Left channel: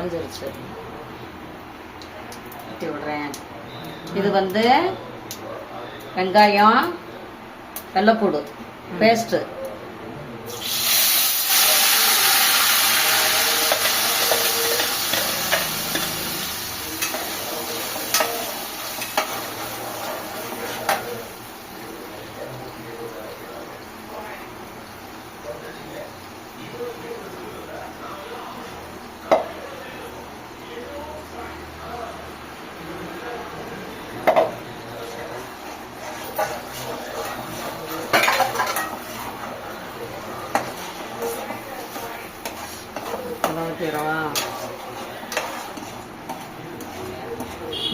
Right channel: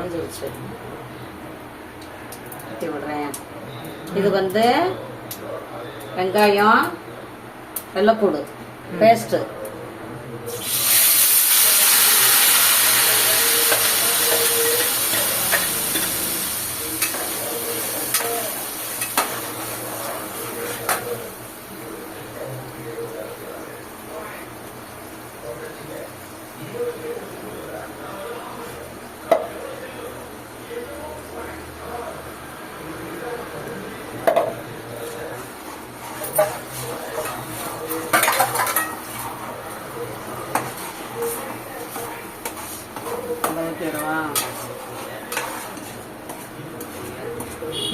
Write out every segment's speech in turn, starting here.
குறைஞ்சிருச்சு. ஊற்றி விடுறேன். இது வந்து வெங்காயம் வெள்ளைப்பூடு பேஸ்ட்டு.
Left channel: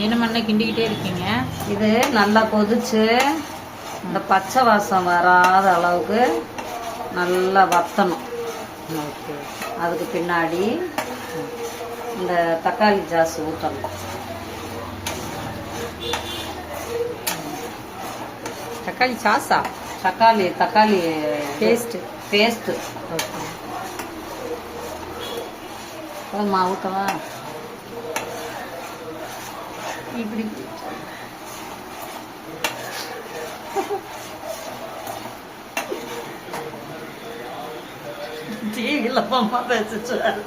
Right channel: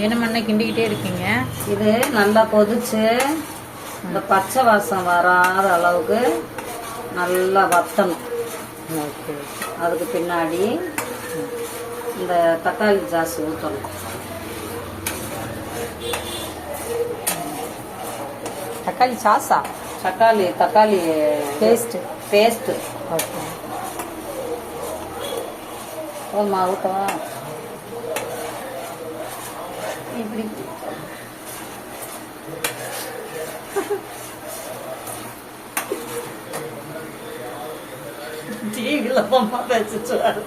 என்ன மண்ணை கிண்டிக்கிட்டே இருக்கீங்க? இது நல்லா கொதிச்சு இந்த பச்சை வாசம் வராத அளவுக்கு நல்லா வத்தணும். ஓகே. அதுக்கு பின்னாடி இந்த தக்காளி ஜாஸ் ஊற்றணும். தக்காளி சாஸா? தக்காளி பேஸ்ட்டு. ஓகே. போதுமா ஊற்றவா? இப்படி டிவியில் பொம்மா பேசிச்சுவாரு.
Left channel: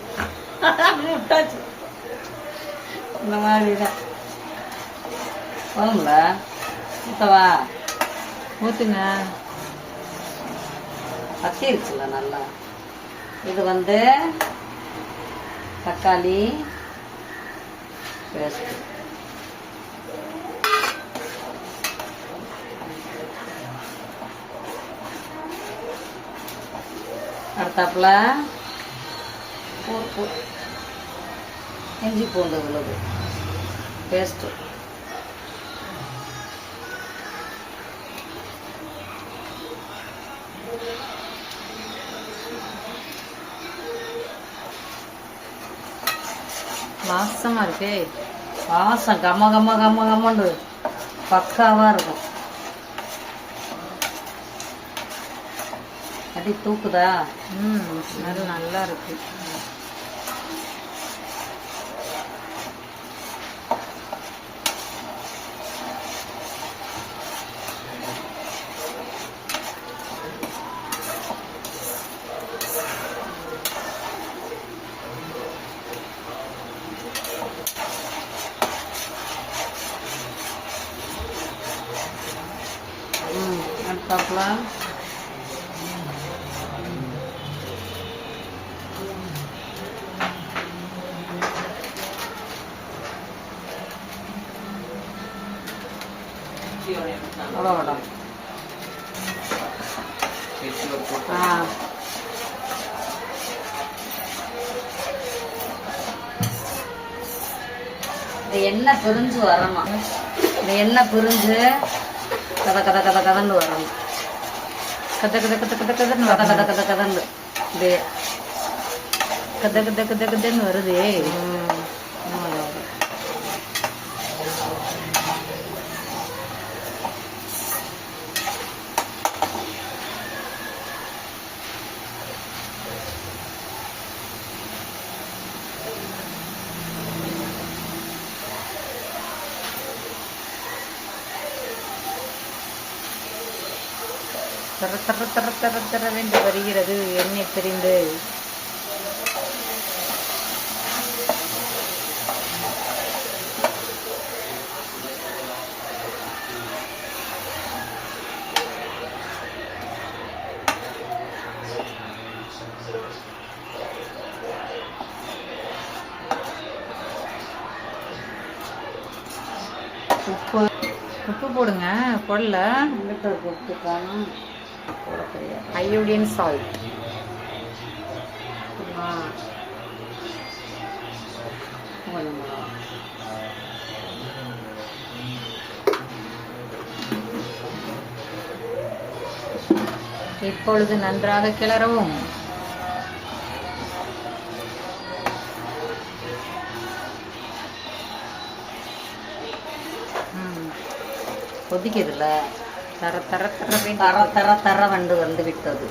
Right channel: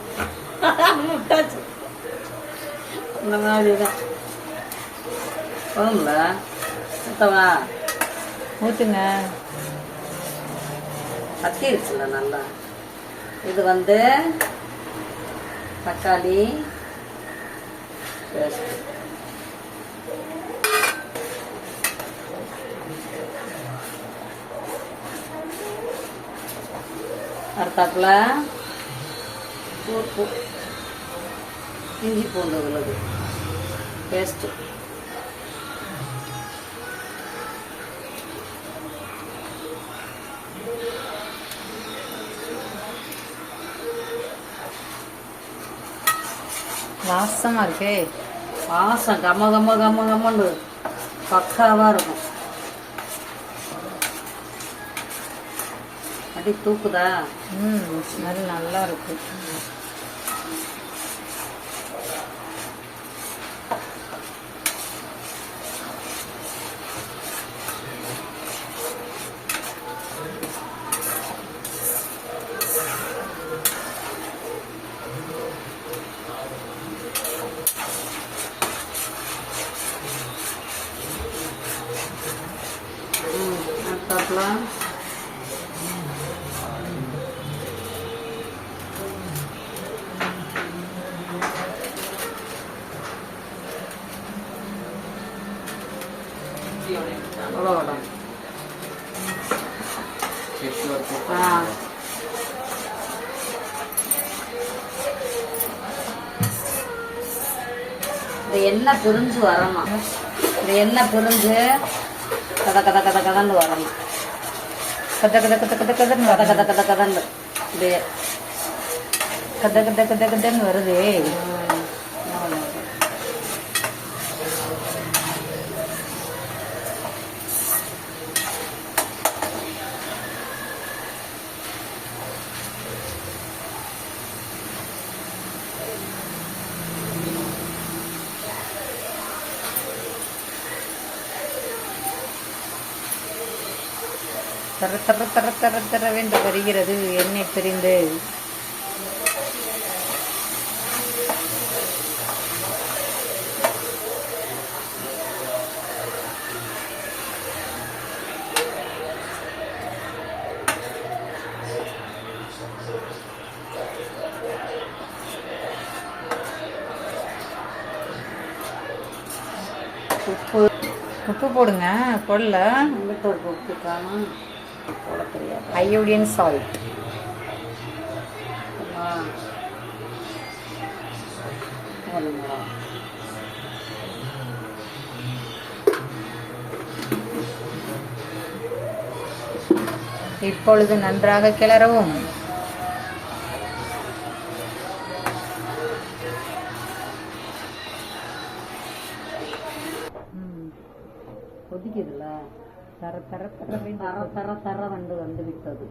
இந்த மாதிரி தான் போங்களா? ஊற்றவா? ஊற்றுங்க. கத்திருச்சுல நல்லா. இது வந்து தக்காளி பேஸ்ட். அடுத்தாப்புல உப்பு, இஞ்சி பூண்டு விழுது பேஸ்ட்டு. வாசமா இருக்கே. வாசம் கம்மன்னு பக்காவா இருக்கும். அடி தூக்குதா? ஸ்மெல் நல்லா இருக்கு. அடுத்தாப்புல அவ்வளோதான். இந்த எண்ணெய் பிரிஞ்சு வரணும். இந்த எண்ணெய் பிரிஞ்சு கதன்னு வரணும். கதன்னு இது கதன்னு வருதே. தர தர தர தர தரவென்று வருகிறது எண்ணெய் பிரிந்து. உப்பு போடுங்க. போடல. உப்பு காணும். போட தெரியாது. Iodine salt. இப்பொழுது நன்றாக கிளறவும். கொதிக்குதுல்ல, தர தர தர தர தர தர வந்து விட்டது.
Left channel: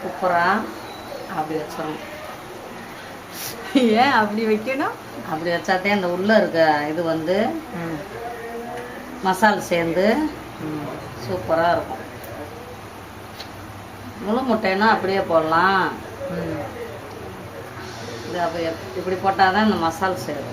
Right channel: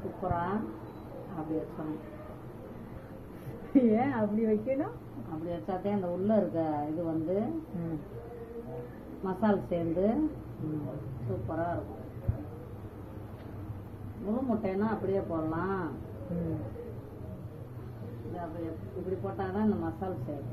சூப்பரா அப்படி வச்சிடணும். ஏன் அப்படி வைக்கணும்? அப்படி வச்சாதே அந்த உள்ள இருக்க இது வந்து மசால் சேர்ந்து சூப்பராக இருக்கும். முழு முட்டைன்னா அப்படியே போடலாம். இது அப்படியே இப்படி போட்டால் தான் இந்த மசால் சேரும்.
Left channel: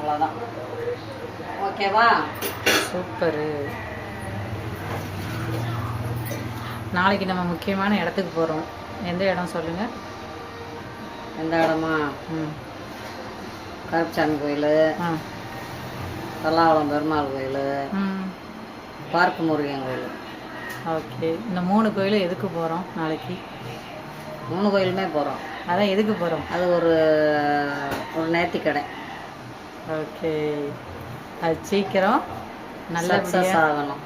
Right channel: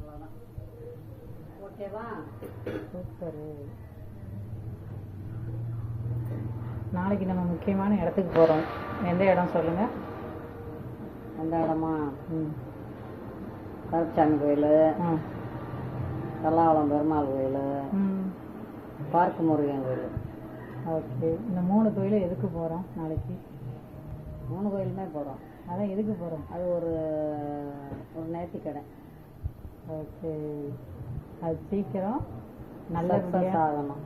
அவ்வளோதான். ஓகேவா? சூப்பரு. நாளைக்கு நம்ம முக்கியமான இடத்துக்கு போகிறோம். எந்த இடம் சொல்லுங்க? எந்த இடமா? கருப்பசாமி கோயில், பல்லாவளம் பெருமாள் கோயில், பார்க்கு முருகன் கோயில். ஓகே. இந்த 3 கோயிலும் எதுக்கு போகிறோம் நாளைக்கு? 3 கோயிலுமே போகிறோம். அதான் எதுக்கு போகிறோம்? அது ஒரு நேர்த்திக்கடை. ஓகே. அது சீக்கிரம் சக்ஸஸ் ஆகணும்.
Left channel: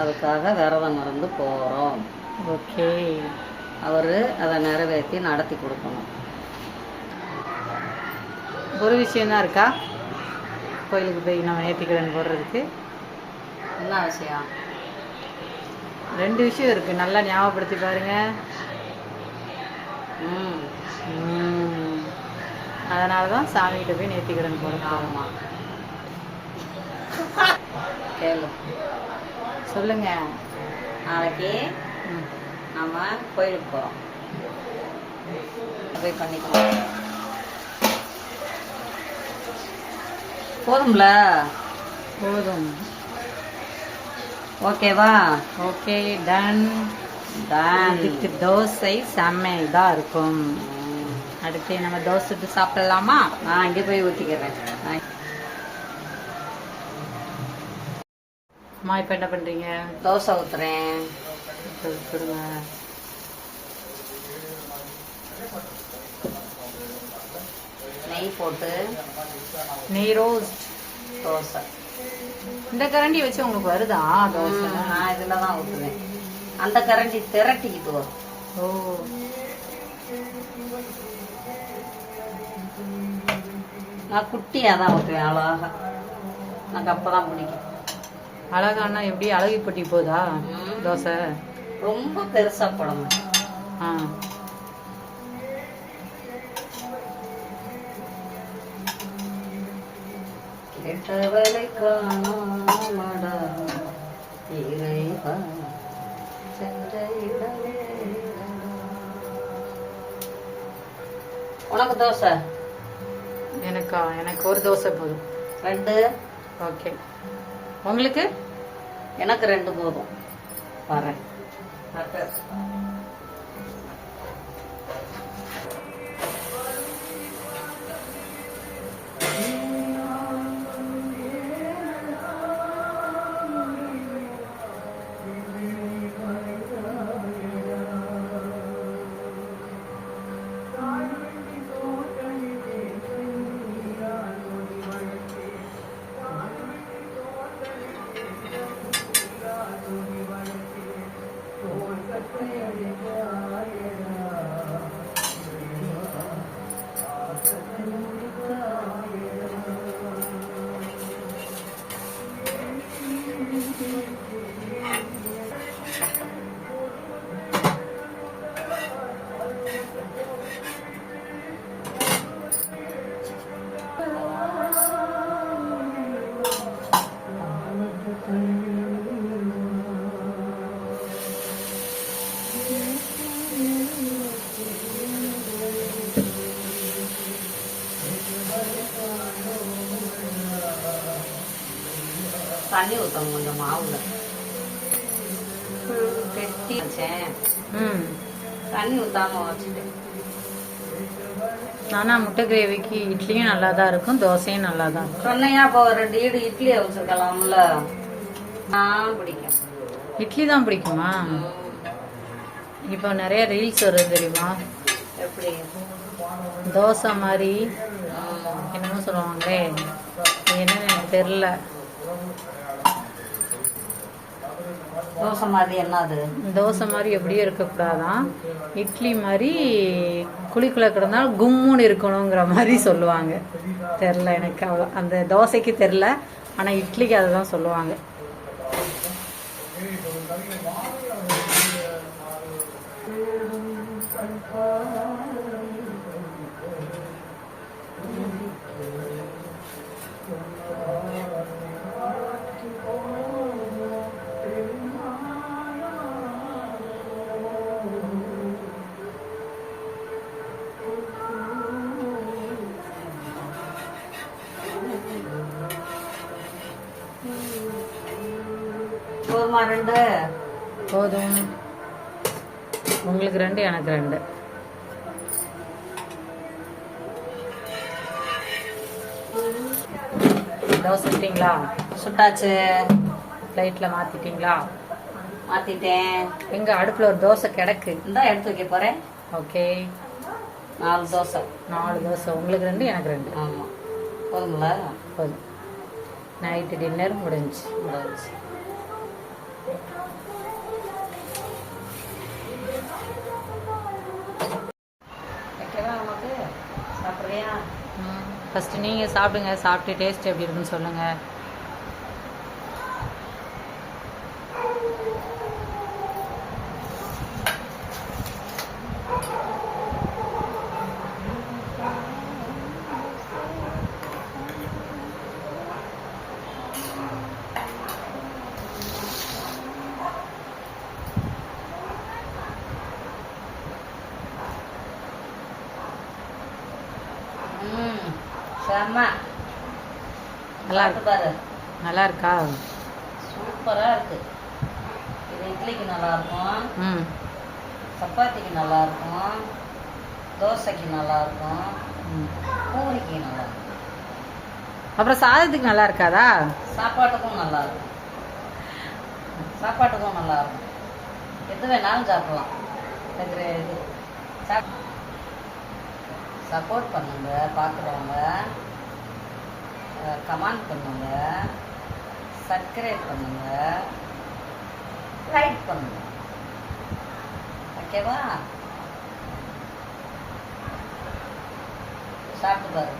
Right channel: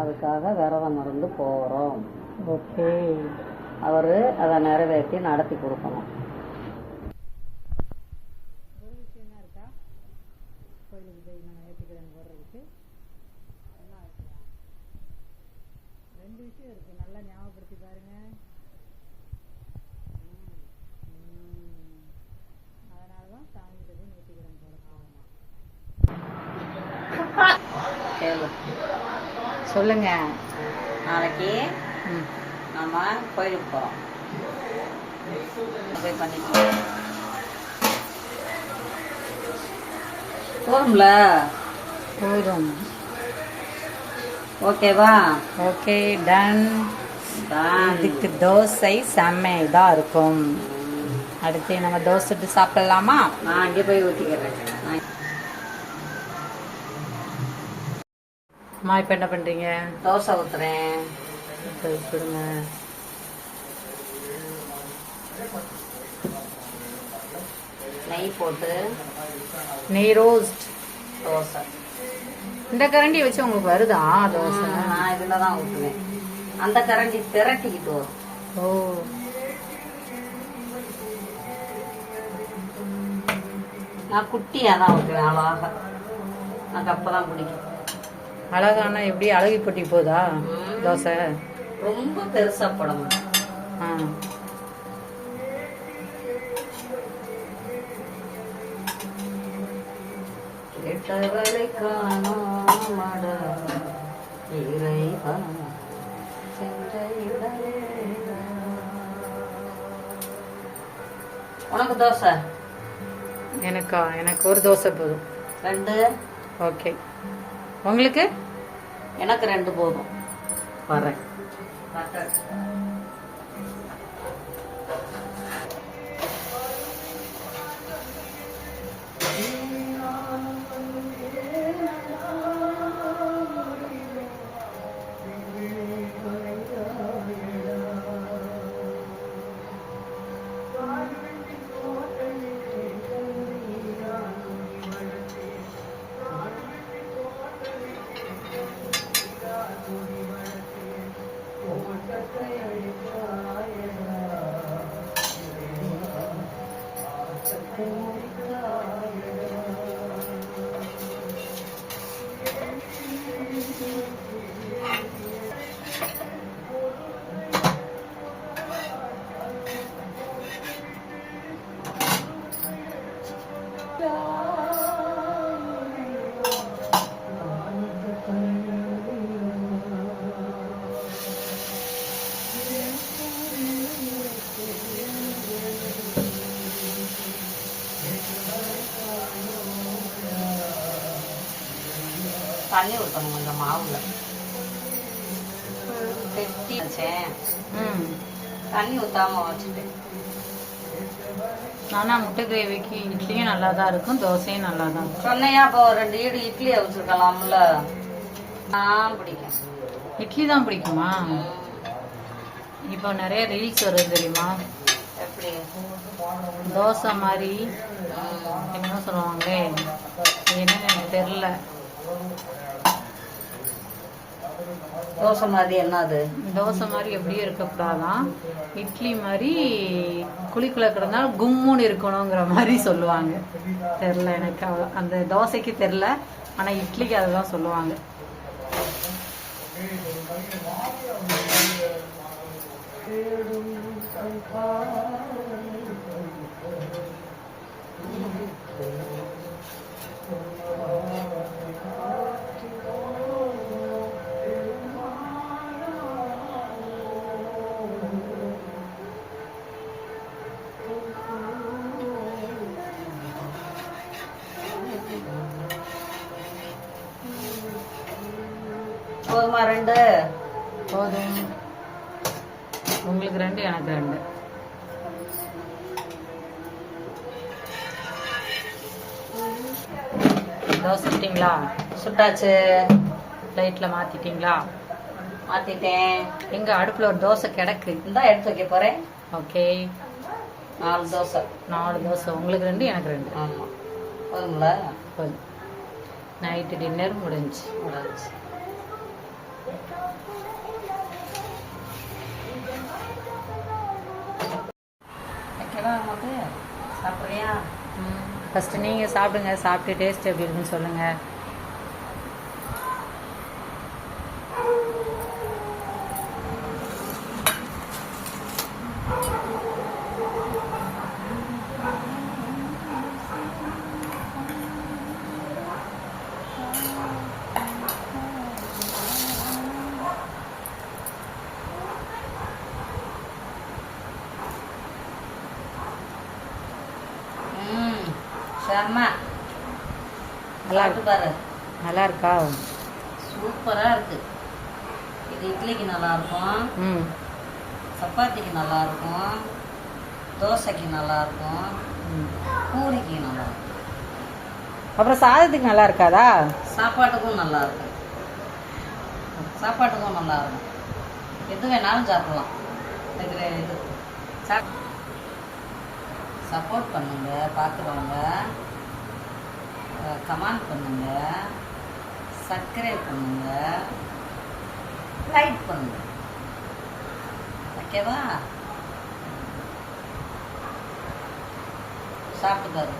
அதுக்காக விரதம் இருந்து போகிறோம். ஓகே. அவர் அதை நிறைவேற்றி நடத்தி கொடுக்கணும். ஒரு விஷயம்தான் இருக்கா கோயிலுக்கு போய் நம்ம நேர்த்திக்கடன் போடுறதுக்கு? என்ன விஷயம்? 2 விஷயம் இருக்குது. நல்லா ஞாபகப்படுத்தி பாருங்க. அதனால தான் சாமிகிட்ட போய் நேர்த்திக்கடன் போகிறோம். ஆமாம். கேளு. சொல்லுங்க. நாளைக்கு நம்ம கோயிலுக்கு போகிறோம். போய் பண்ணிக்கலாம். போதும்ல? போதும். ஓகேவா? ஓகே. டன். இதுக்கு தோசை செம்ம இதாக இருக்கும். அடுத்து நம்ம தோசை சுட்டு சாப்பிடலாமா? நான் இங்கே போய் ஊற்றிக்கிறேன். அம்மா இப்போ என்ன பண்ணுறீங்க? தோசை ஊற்றுறேன். கொடுங்க. நெய் போட்டு நெய் ரோஸ்ட் தோசை. இந்த கரண்டி வச்சு உங்களுக்கு வருதா தோசை? நான் இதில் தான் ஊற்றுவேன். அந்த கரண்டி திரட்டிக்கிட்டு வரும். ஓ. நான் குட்டியாக தான் ஊற்றுவேன். அழகா எனக்கு அப்போ தான் பிடிக்கும். அழகானா எப்படி? அழகி போட்டி போதா தோசை? ரொம்ப பெருசா போடணும். கேட்டவளை காணாமடா இறைவா உனக்கு தோசை? எனக்கு ஒரு தோசை போதும். 2. ஓகே. உங்களுக்கு? எனக்கு 2 போதும். வரேன். தண்ணி ஊற்றணும் கொஞ்சம் மாவுல. கெட்டி வச்சேன். தண்ணி ஊற்றாம வச்சுட்டு. நானா முட்டை கிரேவிக்கு இட்லியும் நல்லா தான் இருக்கும், தோசையும் நல்லா தான் இருக்கும். சொன்னையா இப்போ 2 ஈடு இட்லி வச்சுக்கலாம்ல. பிடிக்கும். இட்லி தான் பிடிக்குமா? இப்போ நிறைய ரீல்ஸ் வருது தெரியுமா? எப்படி? தோசை மாதிரி என்னமோ சொல்லுவாங்களே, என்னன்னு எனக்கு தெரியல. தோசை மாதிரி என்ன அது? தோசை மாதிரி எப்படியும் இருக்கக்கூடாதான், இட்லி மாதிரி குழிக்குள்ள கிடந்தாலும் கும்முன்னு இருக்கணுங்கிற மாதிரி சொல்லுவாங்க. தெரில எனக்கு அவ்வளோ, அந்த தோசைக்கு தெரில, ஆனால் இட்லிக்கு அதுதான் சொல்லுவாங்க. போதுமா? 2 போதும். உங்களுக்கு 2, எனக்கு 2. தோசை சுட்டிங்களா? சுட்டாச்சு. லைட்ல மாத்திட்டீங்களா? மாத்திட்டேன். எங்க அடுப்புல ஒரு தோசை கிடக்கு, இந்தா எடுத்து வைக்க போறேன். ஓகே. 4 தோசை. 4 தோசை. உங்களுக்கு 2, எனக்கு 2. ஆமா, போதுங்களா? போதும். நைட்டு டின்னர் முடிஞ்சு. ஓகேவா நமக்கு? சாப்பிட்றியா? ஃபர்ஸ்ட் நீங்க சாப்பிடுங்க, சாப்பிட்டு டேஸ்ட் எப்படி இருக்குன்னு சொல்லுங்க. செம்ம. நல்லா இருக்கு பாரு. நல்லா இருக்கா? சூப்பரா இருக்கு. இது இட்லிக்கு நல்லா இருக்கும், ம், சப்பாத்திக்கு நல்லா இருக்கும், தோசைக்கு நல்லா இருக்கும், பூரிக்கு நல்லா இருக்கும். அப்புறம் சாதத்துக்கு நல்லா இருக்காதா? சாப்பாட்டுக்கும் நல்லா இருக்கும். சாப்பாட்டுக்கும் நல்லா இருக்கும். எது வேணாலும் சாப்பிடலாம். இது சப்போர்ட் பண்ணுங்க, பார்க்குறவங்க கமெண்ட் பண்ணுங்க, சப்ஸ்கிரைப் பண்ணுங்க, லைக் பண்ணுங்க. ஓகேவா? சாப்பிட்டு பாரு.